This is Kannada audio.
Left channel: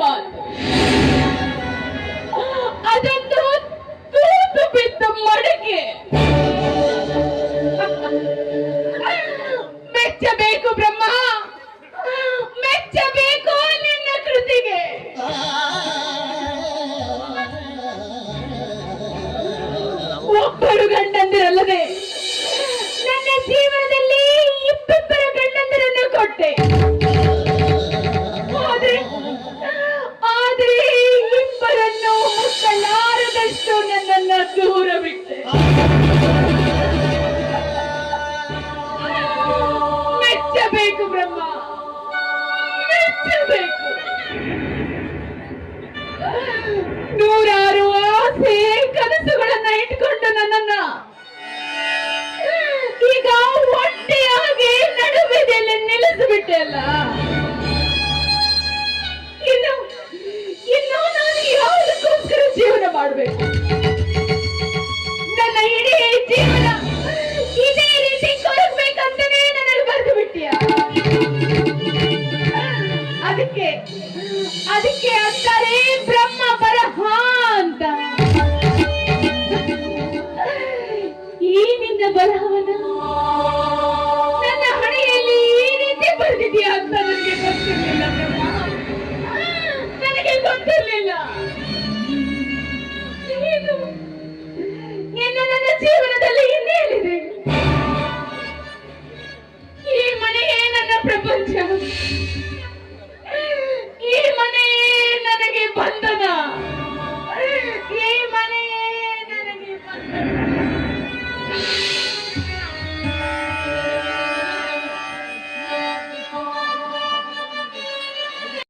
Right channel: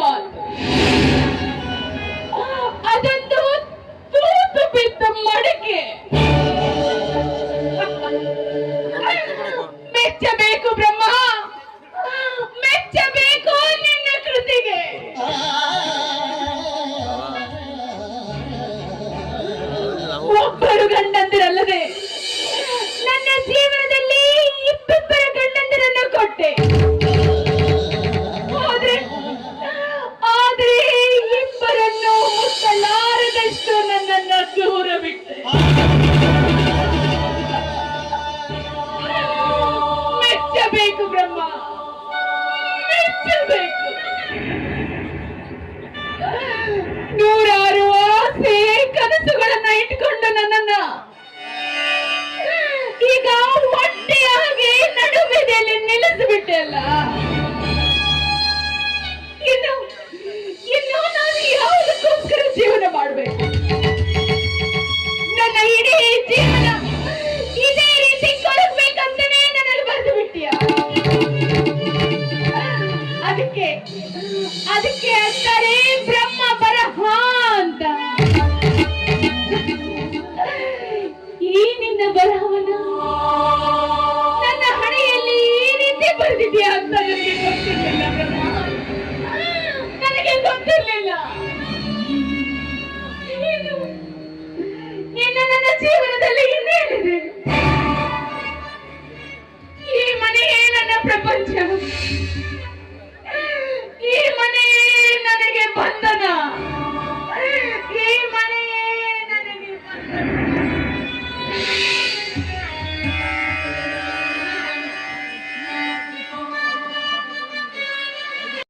ಮಾತು. ಅದೊಂದು ತೂತು ಬಿದ್ದ ಮಡಕೆ. ಮೆಚ್ಚಬೇಕು ಬ್ರಹ್ಮ, ಮೆಚ್ಚಬೇಕು ನಿನ್ನ ಕೃತಿಗೆ. ಒಬ್ಬರು ಗಂಡಂದಿರಲ್ಲದೆ ನನ್ನ ಜೀವನದಲ್ಲಿ ಇಬ್ಬಿಬ್ಬರ ಗಂಡಂದಿರನ್ನು ಕೊಟ್ಟೆ. ಆದ್ರೆ ಇಬ್ಬರನ್ನು ಮುಟ್ಟಲಾರದಷ್ಟು ನನ್ನನ್ನ ದೂರ ಬಿಟ್ಟೆ. ಮೆಚ್ಚಬೇಕು ಬ್ರಹ್ಮ, ಮೆಚ್ಚಬೇಕು. ನೂರಾರು ಆಸೆ ಕನಸುಗಳನ್ನ ಇಟ್ಕೊಂಡು ನನ್ನನ್ನ ಈಗ ಒಟ್ಟೆಯಾಗಿ ನಡುಬೆದೆಯಲ್ಲಿ ನಿಲ್ಲಿಸಿಬಿಟ್ಟೆ ಅಲ್ಲ. ಇನ್ನು ನಾನು ಯಾವುದಕ್ಕೋಸ್ಕರ ಜೀವನ ಮಾಡಬೇಕು? ನನ್ನ ಇಡೀ ಜೀವನ ಇದೇ ರೀತಿ ಕೊಡಬೇಕಂತಾನೆ ನನಗೆ ಬರೆದು ಬಿಟ್ಟಿಯ. ಅದಕ್ಕೆ ಅಂತಾರೆ ಬ್ರಹ್ಮ